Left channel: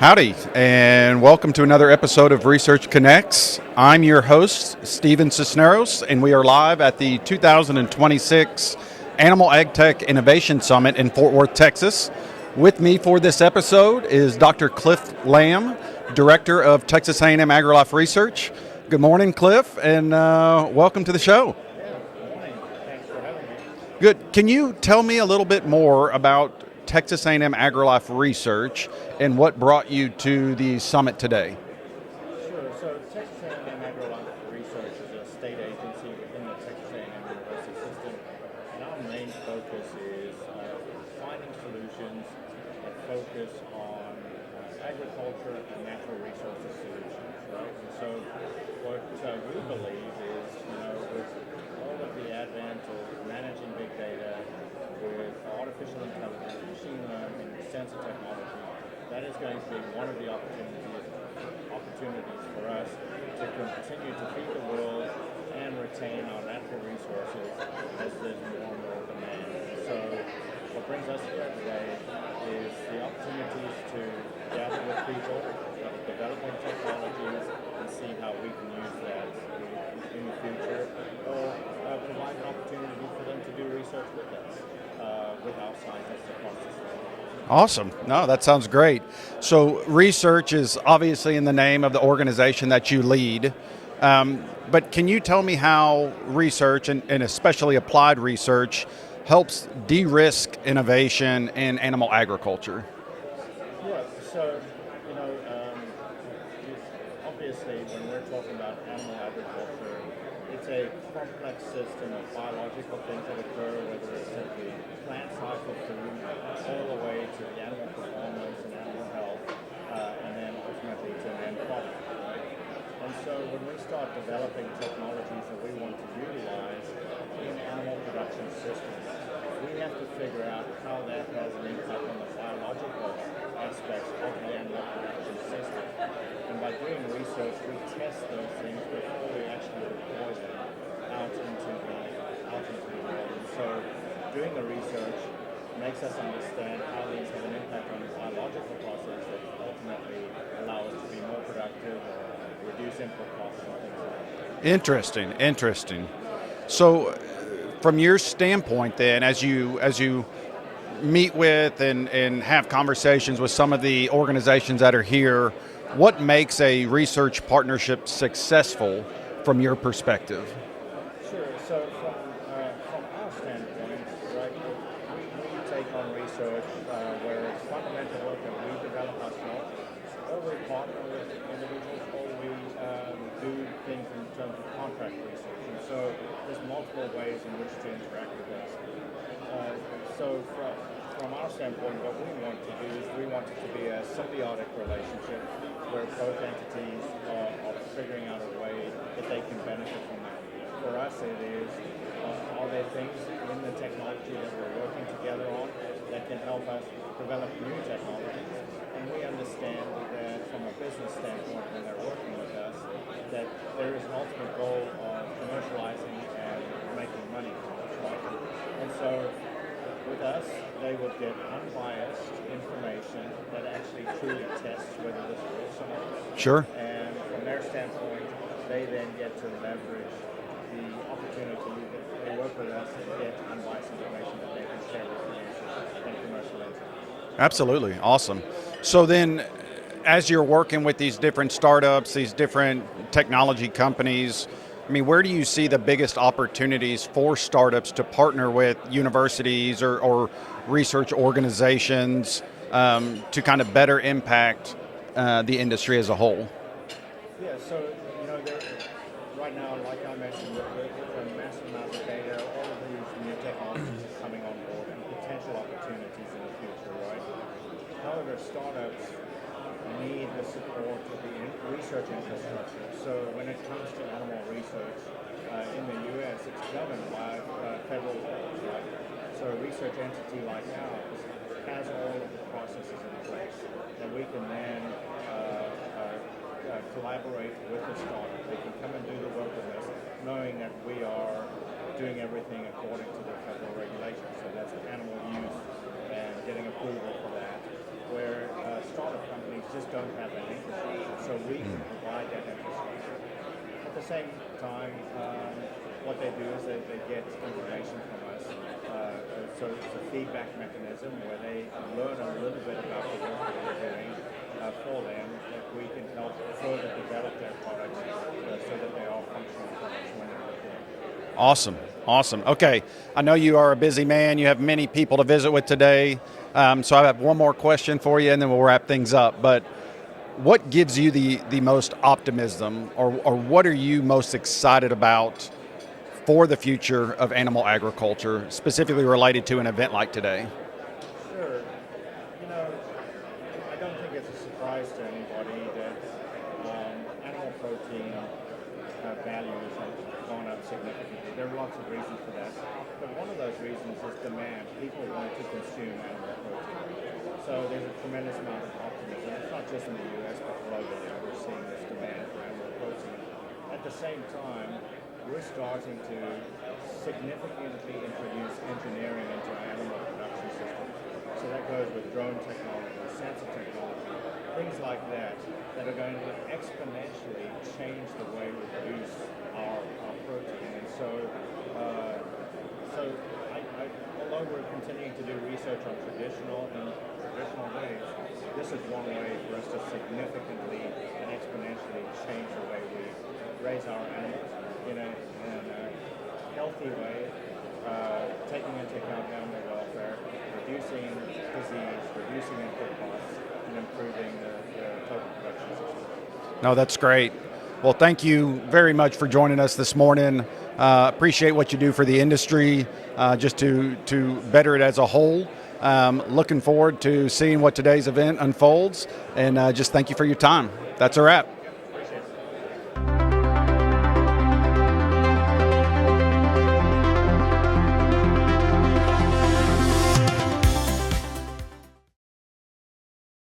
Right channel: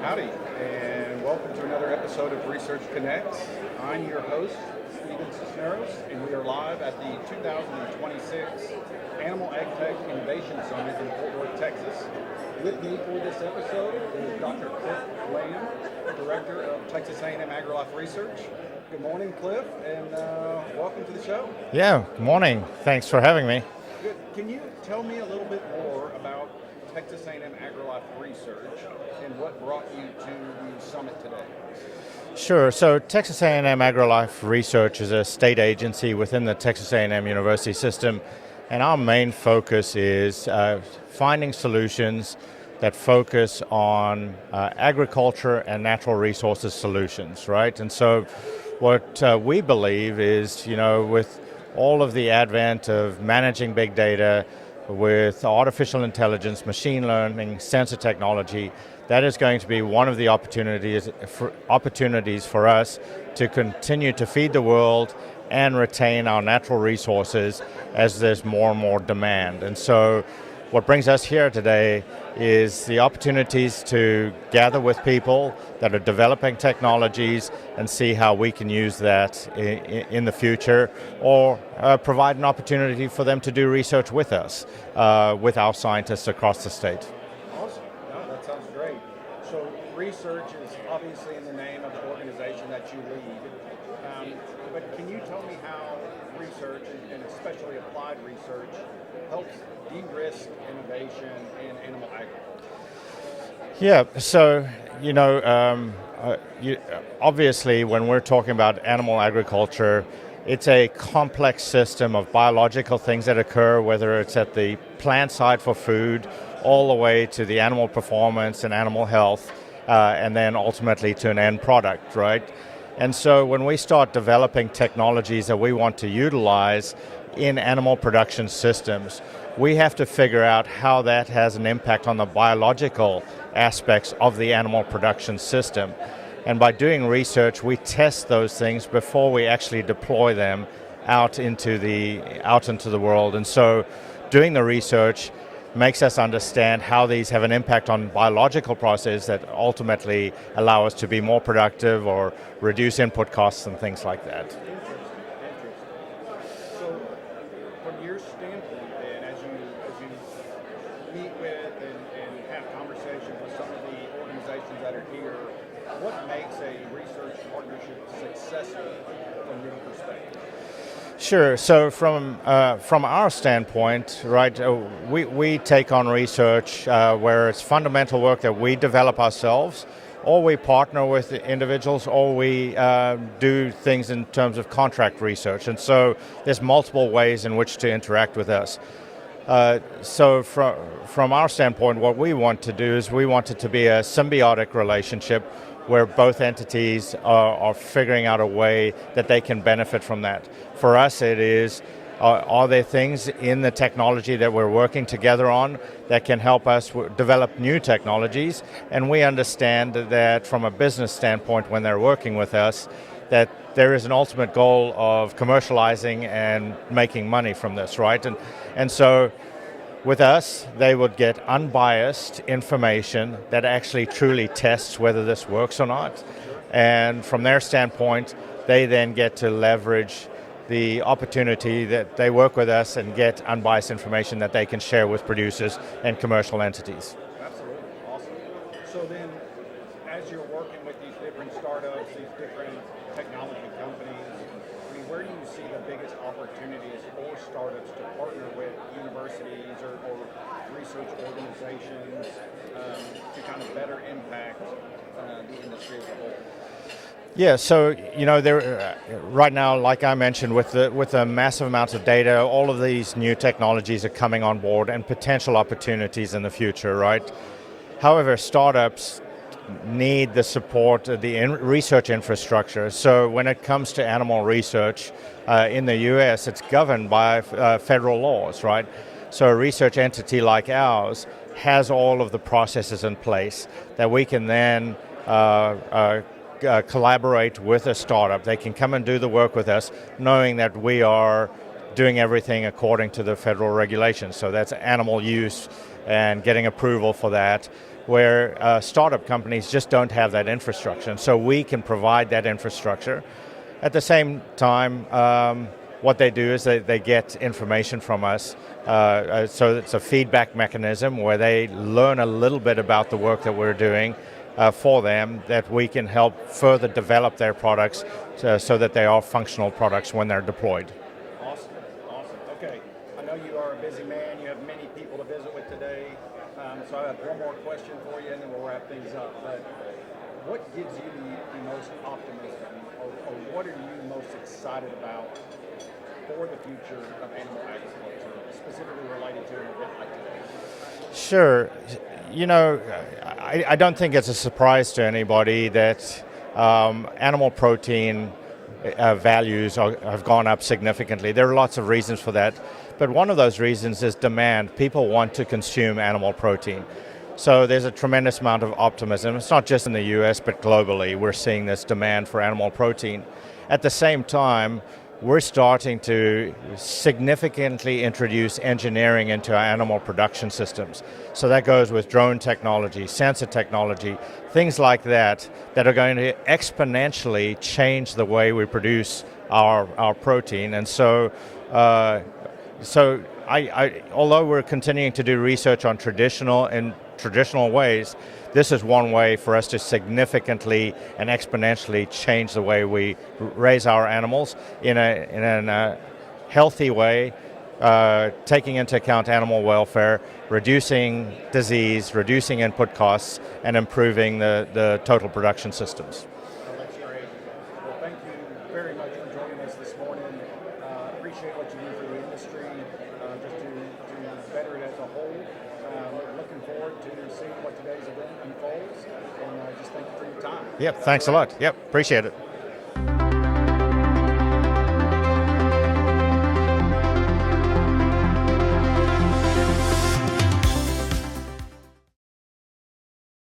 Howdy, and welcome to another episode of Research Connects. I'm your host, Stephen Cisneros, and we are live at the 2026 Animal AgTech Innovation Summit in Fort Worth, Texas. With me for this episode is Dr. Cliff Lamb, Director of Texas A&M AgriLife Research. Good morning, Cliff, and welcome to the show. Yeah, morning. Thanks for having me. Good. Can you tell me a little bit more about Texas A&M AgriLife Research and what brought you to the summit today? Sure. So Texas A&M AgriLife Research is a state agency within the Texas A&M University system, and our main focus is finding solutions that focus on agriculture and natural resources solutions, right? And so what we believe is, with all of the advent of managing big data, with artificial intelligence, machine learning, sensor technology, that is going to be one of the opportunities for us to continue to feed the world and retain our natural resources as there's more and more demand. And so what brings us here today is the opportunities to gather with people that are developing technologies and see how we can use that in the future, or provide an opportunity for them to do research with us, with our scientists across the state. Awesome. No, that sounds great. So research is obviously in the name of the organization that you lead, but can you tell me how research, and especially applied research, helps de-risk innovation in animal agriculture? Yeah, so, obviously when we're talking about animal agriculture, it's a complex system of biological things that occur, whether it's at the plant side for food, all the way to the animal performance and animal health, and then ultimately to an end product, right? And so when we start developing technologies that we want to utilize in animal production systems, we have to figure out how that has an impact on the biological aspects of the animal production system. And by doing research, we test those things before we actually deploy them out into the world. And so doing the research makes us understand how these have an impact on biological processes that ultimately allow us to be more productive or reduce input costs and things like that. Interesting. So from your standpoint then, as you meet with and have conversations with some of the organizations that are here, what makes a research partnership successful from your perspective? Sure. So from our standpoint, right, we take on research where it's fundamental work that we develop ourselves, or we partner with individuals, or we do things in terms of contract research. And so there's multiple ways in which to interact with us. So from our standpoint, what we want to do is we want it to be a symbiotic relationship where both entities are figuring out a way that they can benefit from that. For us, it is, are there things in the technology that we're working together on that can help us develop new technologies? And we understand that from a business standpoint, when they're working with us, that there is an ultimate goal of commercializing and making money from this, right? And so with us, they would get unbiased information that actually truly tests whether this works or not. Sure. And from their standpoint, they then get to leverage the opportunity that they work with us and get unbiased information that they can share with producers and commercial entities. Absolutely. Awesome. So then, as you're working with these different startups, these different technology companies, I mean, where do you see the biggest opportunities for startups to partner with universities or research organizations to kind of better impact the industry as a whole? Yeah, so there right now, like I mentioned, with the massive amounts of data, all of these new technologies are coming on board and potential opportunities in the future, right? However, startups need the support of the research infrastructure. So when it comes to animal research in the US, it's governed by federal laws, right? So a research entity like ours has all of the processes in place that we can then collaborate with a startup. They can come and do the work with us, knowing that we are doing everything according to the federal regulations. So that's animal use and getting approval for that. where startup companies just don't have that infrastructure. And so we can provide that infrastructure. At the same time, what they do is they get information from us. So it's a feedback mechanism where they learn a little bit about the work that we're doing for them, that we can help further develop their products so that they are functional products when they're deployed. Awesome, awesome. Okay, I know you are a busy man. You have many people to visit with today. So I have one more question for you and then we'll wrap things up. But what gives you the most optimism, or what are you most excited about for the future of animal agriculture, specifically related to an event like today? Sure. You know, I don't think it's a surprise to anybody that animal protein values have gone up significantly. There are lots of reasons for that, but one of those reasons is demand. People want to consume animal protein. So there's a tremendous amount of optimism. It's not just in the US, but globally, we're seeing this demand for animal protein. At the same time, we're starting to significantly introduce engineering into our animal production systems. So that goes with drone technology, sensor technology, things like that are going to exponentially change the way we produce our protein. And so, although we're continuing to do research on traditional ways, this is one way for us to significantly and exponentially change the way we raise our animals in a healthy way, taking into account animal welfare, reducing disease, reducing input costs, and improving the total production systems. No, that's great. Well, thank you very much for joining us this morning. Appreciate what you do for the industry, just to better it as a whole. Looking forward to seeing what today's event unfolds, and just thank you for your time. Yep, That's thanks a a wrap. lot. Yep, appreciate it.